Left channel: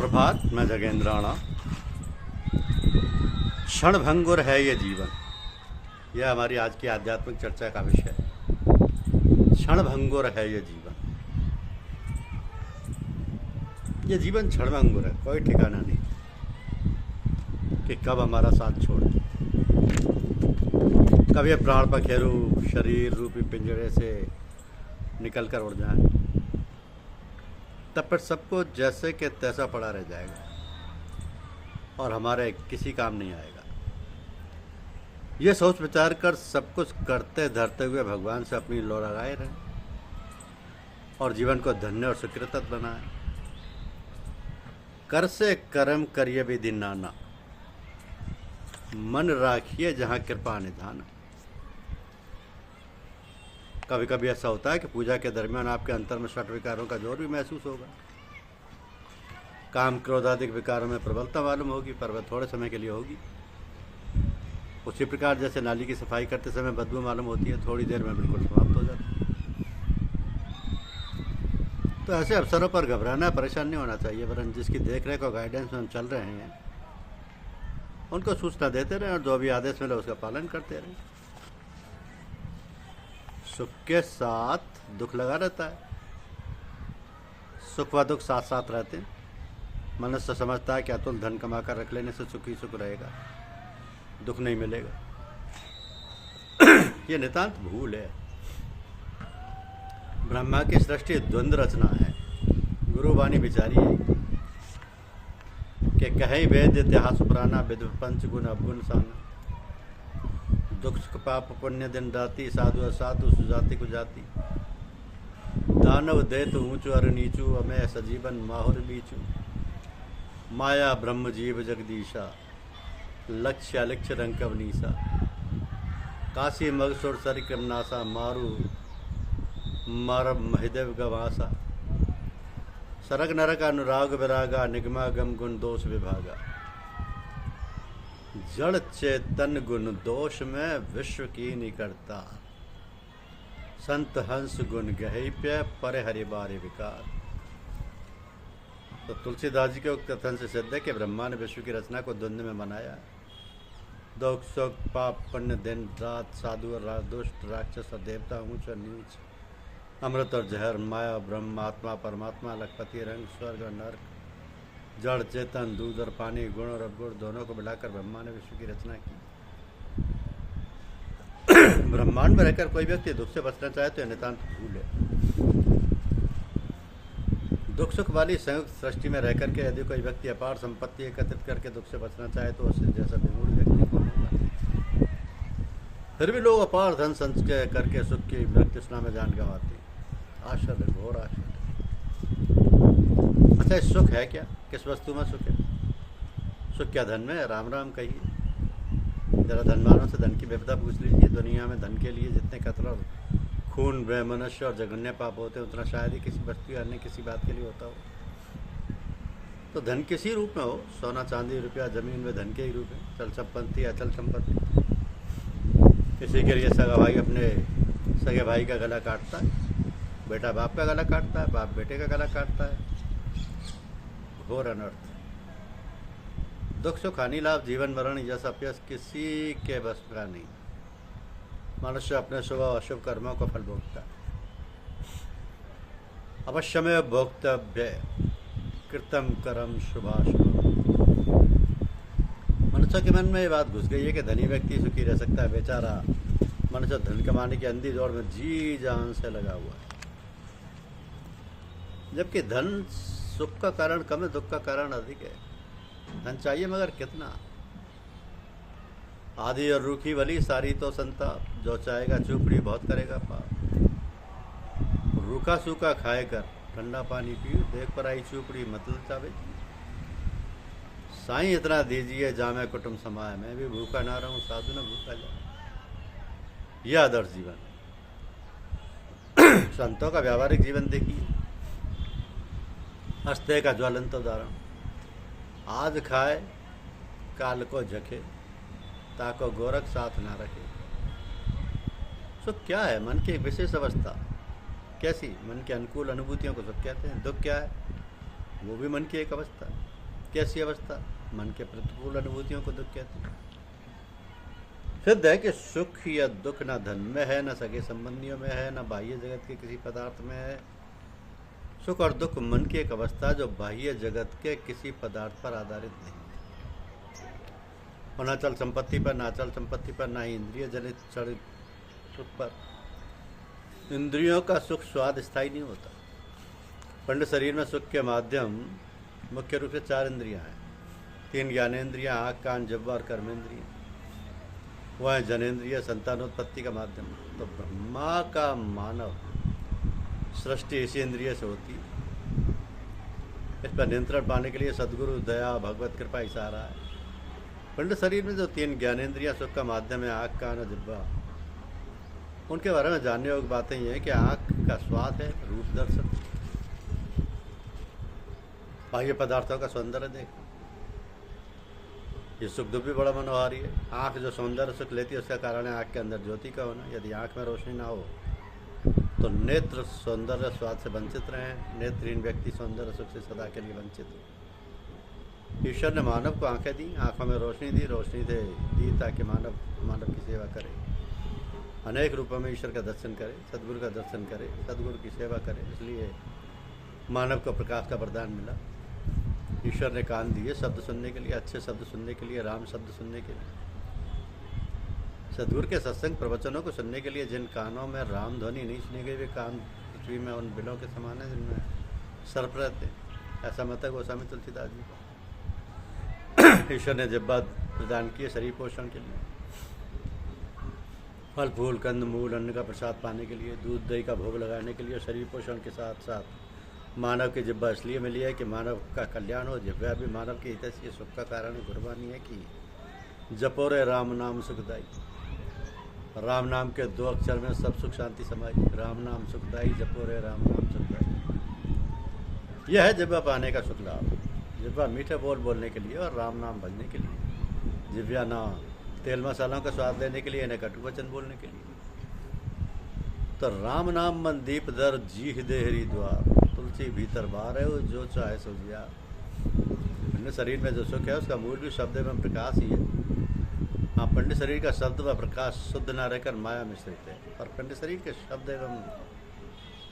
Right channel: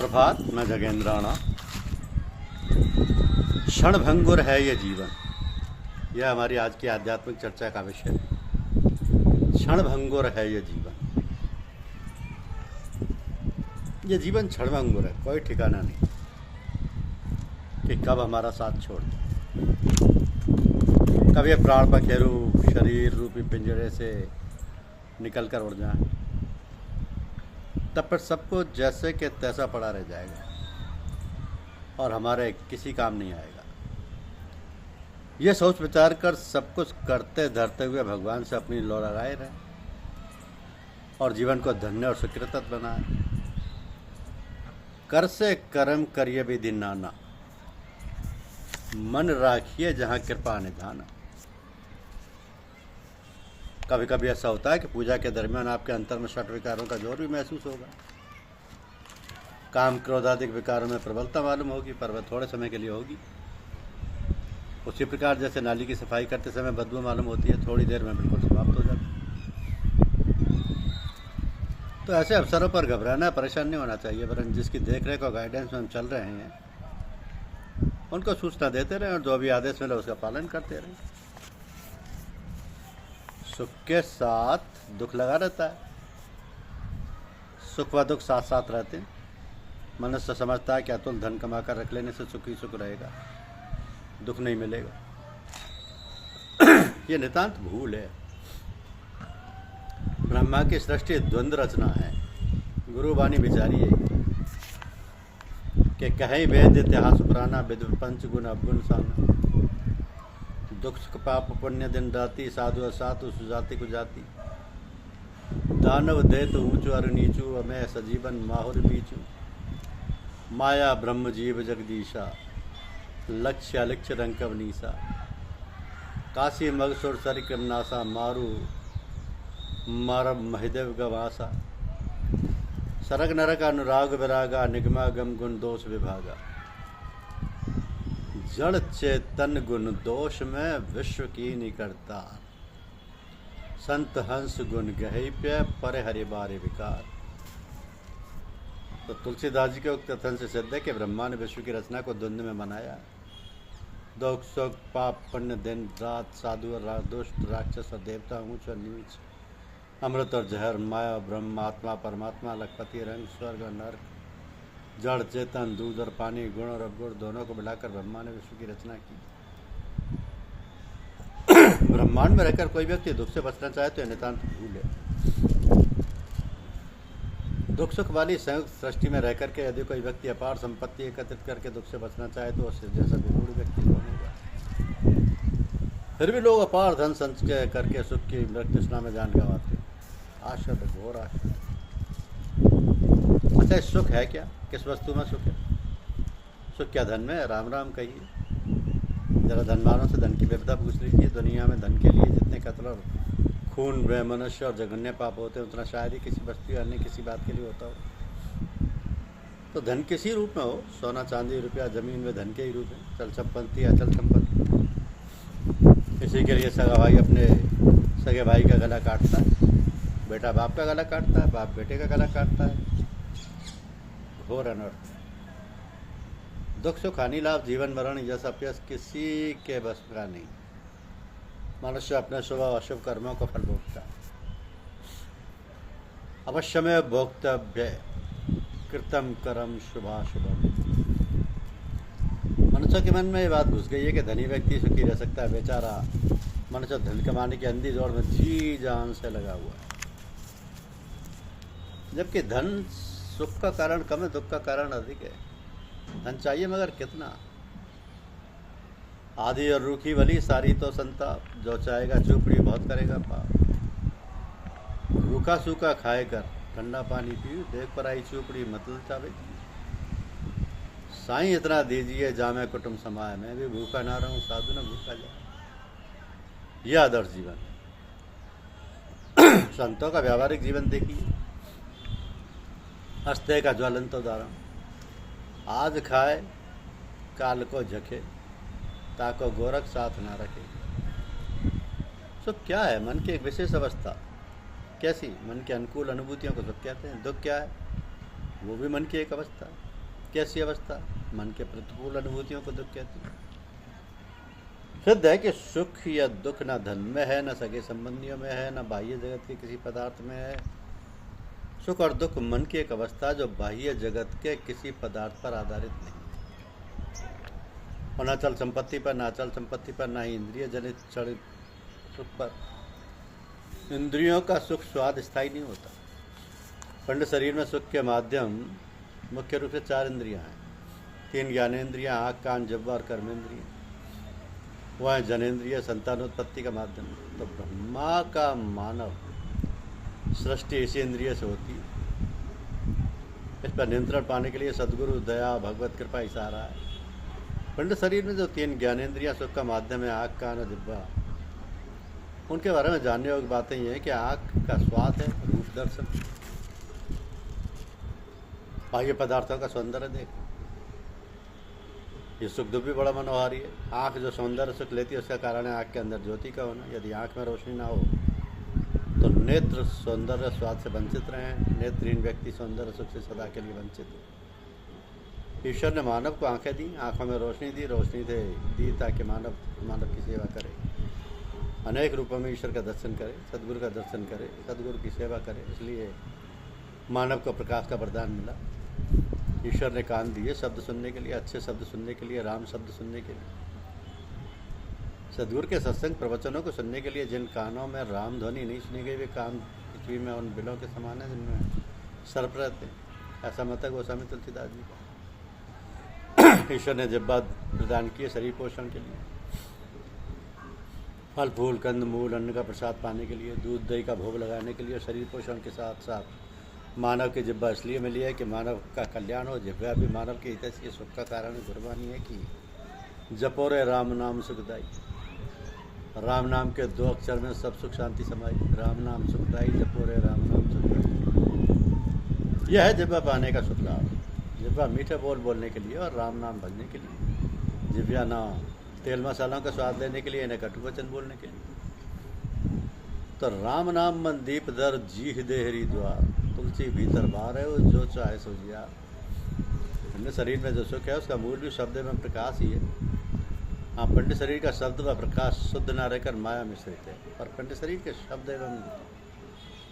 प्रभात मैं जगेंद्राणा। क्षणभंगुर है ये जीवन, यह हमारी आज की आध्यात्मिक चर्चा का विषय है। क्षणभंगुर है ये जीवन। ये जीवन क्षणभंगुर है, कोई ठिकाना नहीं कि कब हमारा साथ छोड़ दे, कब ये प्राण पखेरु शरीर रूपी पिंजरे से निकल कर उड़ जाए, तब पर सबको जैसे कि तैसा पड़ा रह जाएगा और हमारे किसी काम नहीं आएगा। ये सोच विचार कर सब कुछ करते धरते हुए भगवान से अपनी लौ लगाए रहे और जीवन को धन्य और सुकृत बनाए। कर से कर्म करिए विधि नाना, मन राखिए जहाँ कृपा निधाना। कभी कभी ऐसा होता है कि पूजा के दरमियान आपके अंतर में षट विकारों का जोर भी महसूस होगा। काम क्रोधादिक विकारों में प्रबलता मालूम होगी, पर वह थोड़े समय के लिए होगी। उसी प्रकार जैसे नाली की सफाई करते समय बदबू मालूम होती है, थोड़ी देर में बिल्कुल समाप्त हो जाती है। तो ऐसे अवसरों पर घबराना, परेशान नहीं होना चाहिए, वरन जिसकी देखरेख और गाइडेंस में हम चल रहे हैं उनको सूचना देते रहें और जो भी आदेश मिले उसका पालन करते रहें। सुख के साथ दुख लगा रहता है, सुख व दुख साथ साथ रहते हैं। मनुष्य समझता है कि अतुल धन कमा कर रख लेने से सुख ही सुख रहेगा, दुख नहीं मिलेगा। ये नितांत भूल है। ब्रह्मा की सृष्टि द्वंद्व रचना है। गुरुवाणी विचारी है कि कहीं वेद इतिहास पुराना, विद्व पंच गुण अवगुण साना। दुख सुख पाप पुण्य दिन राति, साधु असाधु सुजाति कुजाति। दानव देत ऊंचू अर नीचू, अमय सजीवन माहुर बीचू। माया ब्रह्म जीव जगदीशा, लक्ष्य अलक्ष्य रंकव नीसा। काशी मगसुर सरिक्रम नासा, मारू मारब महिदेव गवासा। सरग नरक अनुराग विरागा, निगमा गम गुण दोष विभागा। जड़ चेतन गुण दोष में विश्व की निकटता। संत हंस गुण गहिप्य, पर हरि बारे विकार। तो तुलसीदास जी के उक्त कथन से सिद्ध है कि ब्रह्मा ने विश्व की रचना को द्वंद्व में बनाया। दुख सुख पाप पुण्य दिन रात, साधु और दुष्ट, राक्षस और देवता, ऊंच और नीच, अमृत और जहर, माया ब्रह्म, आत्मा परमात्मा, लखपति रंग, स्वर्ग और नरक, जड़ चेतन, दूध और पानी, गुण और अवगुण दोनों को मिलाकर ब्रह्मा ने विश्व की रचना की। ब्रह्मांड में रहकर कोई व्यक्ति दुख से बचना चाहे तो यह नितांत भूल है। दुख सुख वाली संयुक्त सृष्टि में रहकर के यदि कोई व्यक्ति अपार संपत्ति एकत्रित करके दुख से बचना चाहे तो उससे जैसा विमूढ़ व्यक्ति कौन होगा। फिर भी लोग अपार धन संचय करके सुख की मृत्युष्णा में जान गंवाते। आशद, घोर आशद। अच्छा, सुख है क्या? किस वस्तु में सुख है? सुख क्या धन में है? राम राम कहिए। जरा धनवानों से धन की विपदा पूछ लीजिए। दुनिया में धन के लिए जितने कत्ल और खून, व्यय, मनुष्य और जघन्य पाप होते हैं, उतना शायद ही किसी वस्तु या अन्य किसी बात के लिए होता हो। तो धन किसी रूप में हो, सोना चांदी रुपया जमीन में धन के ही रूप है। चल संपत्ति, अचल संपत्ति। इसी के लिए सगा भाई अपने सगे भाई का गला काटता है, बेटा बाप का गला काटता है, बाप बेटे का गला काटता है। घोर अनर्थ। दुख सुख हानि लाभ जीवन मरण यश अपयश किसी के बस का नहीं। मनुष्य अपने शुभ और अशुभ कर्मों को फल भोगता है। अवश्य में भोक्तव्य कृतम कर्म शुभाशुभ। मनुष्य के मन में ये बात घुस गई है कि धनी व्यक्ति सुखी रह सकता है। बेचारा मनुष्य धन कमाने की अंधी दौड़ में जी जान से लगा हुआ है, जबकि धन सुख का कारण कम है, दुख का कारण अधिक है। धन चाहिए मगर कितना? आधी और रूखी भली सारी तो संताप, जो चाहेगा चुपड़ी बहुत करेगा पाप। रूखा सूखा खाए कर ठंडा पानी पियो, देख पर आई चुपड़ी मत लचावे। साईं इतना दीजिए जामे कुटुंब समाए, मैं भी भूखा ना रहूं साधु न भूखा जाए। यह आदर्श जीवन। संतों का व्यावहारिक जीवन देखिए। हस्ते का ज्वलंत उदाहरण। आज खाए काल को झके, ताको गोरख साथ ना रखे। सुख क्या है? मन की एक विशेष अवस्था। कैसी? मन के अनुकूल अनुभूतियों को सुख कहते हैं। दुख क्या है? वो भी मन की एक अवस्था है। कैसी अवस्था? मन के प्रतिकूल अनुभूतियों को दुख कहते हैं। सिद्ध है कि सुख या दुख न धन में है, न सगे संबंधियों में है, न बाह्य जगत के किसी पदार्थ में है। सुख और दुख मन की एक अवस्था जो बाह्य जगत के किसी पदार्थ पर आधारित नहीं, और न चल संपत्ति पर, न अचल संपत्ति पर, न ही इंद्रिय जनित चरित सुख पर। इंद्रियों का सुख स्वाद स्थायी नहीं होता। पिंड शरीर में सुख के माध्यम मुख्य रूप से 4 इंद्रियां हैं। 3 ज्ञानेन्द्रियां, आँख, कान, जिह्वा और कर्मेंद्रिय। वह है जनेन्द्रिय, संतानोत्पत्ति का माध्यम। तो ब्रह्मा का मानव सृष्टि इसी इंद्रिय से होती है। इस पर नियंत्रण पाने के लिए सद्गुरु, दया, भगवत कृपा ही सहारा है। पिंड शरीर में जो 3 ज्ञानेन्द्रियां सुख का माध्यम है, आँख, कान और जिह्वा, उनके बारे में जानने योग्य बातें ये हैं कि आँख का स्वाद है, रूप दर्शन, बाह्य पदार्थों का सौंदर्य देख, ये सुख दुख भी बड़ा मनोहारी है। आँख जो सौंदर्य सुख लेती है उसका कारण है आँख के अंदर ज्योति का होना। यदि आँख में रोशनी ना हो तो नेत्र सौंदर्य स्वाद से वंचित रहें। नेत्रहीन व्यक्ति सौंदर्य सुख से सदा के लिए वंचित है। ईश्वर ने मानव को आंखें दी, आंखों में रोशनी दी, रोशनी से दी ताकि मानव की सेवा करे, अनेक रूपों में ईश्वर का दर्शन करे, सदगुरु का दर्शन करे, सदगुरु की सेवा करे। इसलिए मानव को प्रकाश का वरदान मिला। ईश्वर ने कान दिए शब्द सुनने के लिए, अच्छे शब्द सुनने के लिए, राम शब्द सुनने के लिए, सदगुरु के सत्संग प्रवचनों को सुनने के लिए। जिन कानों में राम ध्वनि नहीं सुनी गई वे कान पृथ्वी में उन बिलों के समान है जिनमें सर्प रहते हैं। ऐसा मत है गोस्वामी तुलसीदास जी का। ईश्वर ने जिह्वा प्रदान किए शरीर पोषण के लिए, फल फूल कंद मूल अन्न का प्रसाद पाने के लिए, दूध दही का भोग लगाने के लिए। शरीर पोषण के साथ साथ मानव की जिह्वा इसलिए मिली है कि मानव का कल्याण हो। जिह्वा भी मानव के हित से सुख का कारण है। गुरबानी है कि जपो रे राम नाम सुखदाई। राम नाम के 2 अक्षर में सब सुख शांति समाई। राम नाम सुखदाई, जपो रे राम नाम सुखदाई। यह है जिह्वा पाने का सुख लाभ। जिह्वा मीठे बोल बोलने के लिए और राम नाम भजने के लिए। जिह्वा ना तेल मसालों का स्वाद लेने के लिए, न कटु वचन बोलने के लिए। तो राम नाम मन दीप दर जीह देहरी द्वार। तुलसी भीतर बार है वो जो चाहे सो जिया। पिंड शरीर में जो सुख है उसका मूल भी शब्द एवं प्रकाश ही है। हाँ, पिंड शरीर का शब्द व प्रकाश शुद्ध न रहकर माया मिश्रित है। और पिंड शरीर के शब्द एवं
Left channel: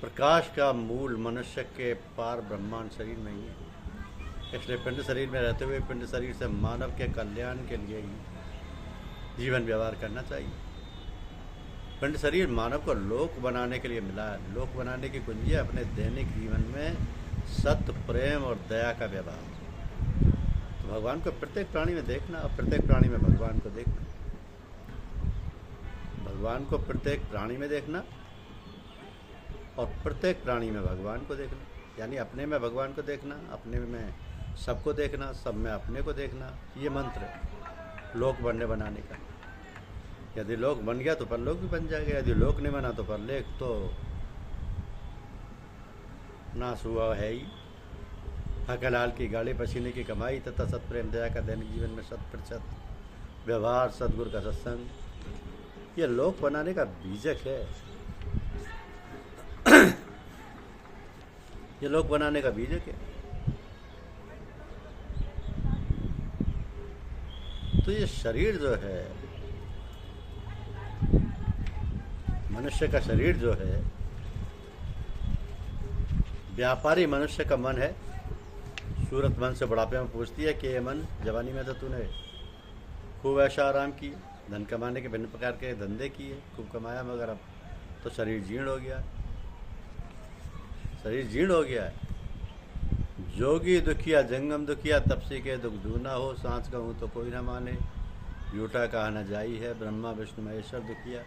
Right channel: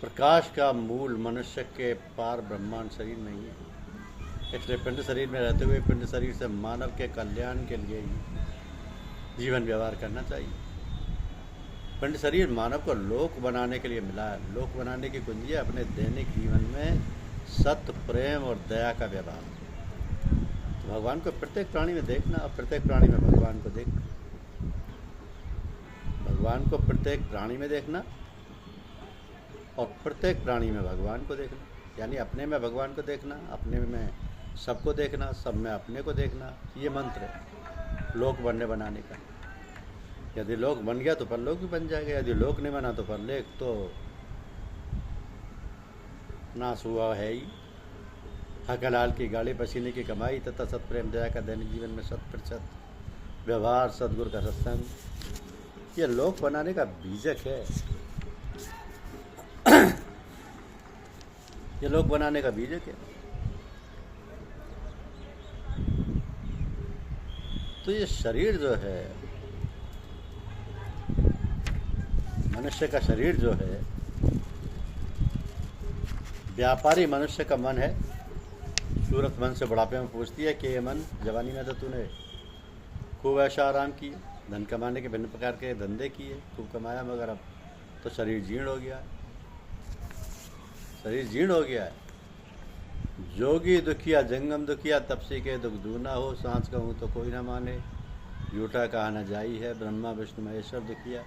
प्रकाश का मूल मनुष्य के पार ब्रह्मांड शरीर में ही है। इसलिए पिंड शरीर में रहते हुए पिंड शरीर से मानव के कल्याण के लिए ही जीवन व्यवहार करना चाहिए। पिंड शरीर मानव को लोक बनाने के लिए मिला है। लोक बनाने की कुंजी है अपने दैनिक जीवन में सत्य, प्रेम और दया का व्यवहार। तो भगवान को प्रत्येक प्राणी में देखना और प्रत्येक प्राणी में भगवान को देखना। भगवान को प्रत्येक प्राणी में देखना और प्रत्येक प्राणी में भगवान को देखना, यानी अपने में भगवान को देखना, अपने में सबको देखना, सब में अपने को देखना। ये मंत्र है लोक बनाने का। यदि लोक बन गया तो परलोक भी बन जाएगा। यदि लोक नहीं बना तो परलोक तो नाश हुआ है ही। हकलाल की गाड़ी पसीने की कमाई तथा सत्प्रेम दया का दैनिक जीवन में 100% व्यवहार, सदगुरु का सत्संग, ये लोक बनाने का बीजक है। ये लोक बनाने का बीजक है। तो ये शरीर जो है, मनुष्य का शरीर जो है, व्यापारी मनुष्य का मन है। सूरत मन से बुढ़ापे में पूछती है कि ये मन, जवानी में तो तूने खूब ऐशा आराम की, धन कमाने के भिन्न प्रकार के धंधे किए, खूब कमाया, मगर अब तो शरीर जीर्ण हो गया है। शरीर जीर्ण हो गया है। जोगी दुखिया जंगम दुखिया, तपसी के दुख दूना हो। सांस कहूँ तो कोई न माने, झूठा कहा न जाई है। ब्रह्मा विष्णु महेश्वर दुखिया,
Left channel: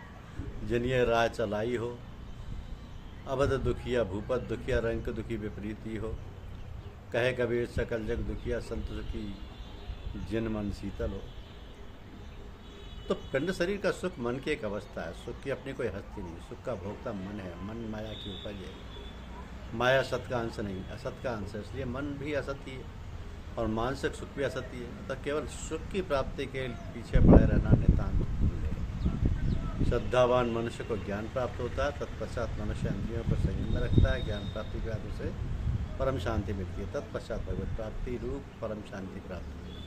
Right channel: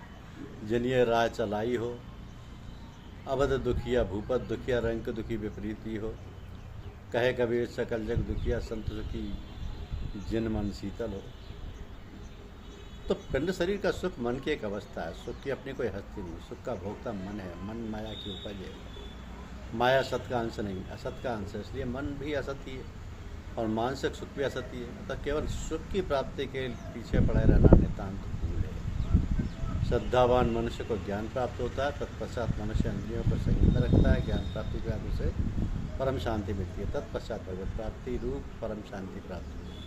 जिन्हें राह चलाई हो। अवध दुखिया भूपत दुखिया, रंक दुखी विपरीती हो। कहे कबीर सकल जग दुखिया, संत सुखी जिन मन शीतल हो। तो पिंड शरीर का सुख मन की एक अवस्था है। सुख की अपनी कोई हस्ती नहीं। सुख का भोक्ता मन है। मन माया की उपज है। माया सत का अंश नहीं, असत का अंश है। इसलिए मन भी असत्य है और मानसिक सुख भी असत्य है। तो केवल सुख की प्राप्ति के पीछे पड़े रहना नितांत भूल है। श्रद्धावान मनुष्य को ज्ञान प्राप्त होता है। तत्पश्चात मनुष्य इंद्रियों को संयम में रखता है। ज्ञान प्राप्ति के बाद उसे परम शांति मिलती है, तत्पश्चात भगवत प्राप्ति रूप परम शांति प्राप्त होती है।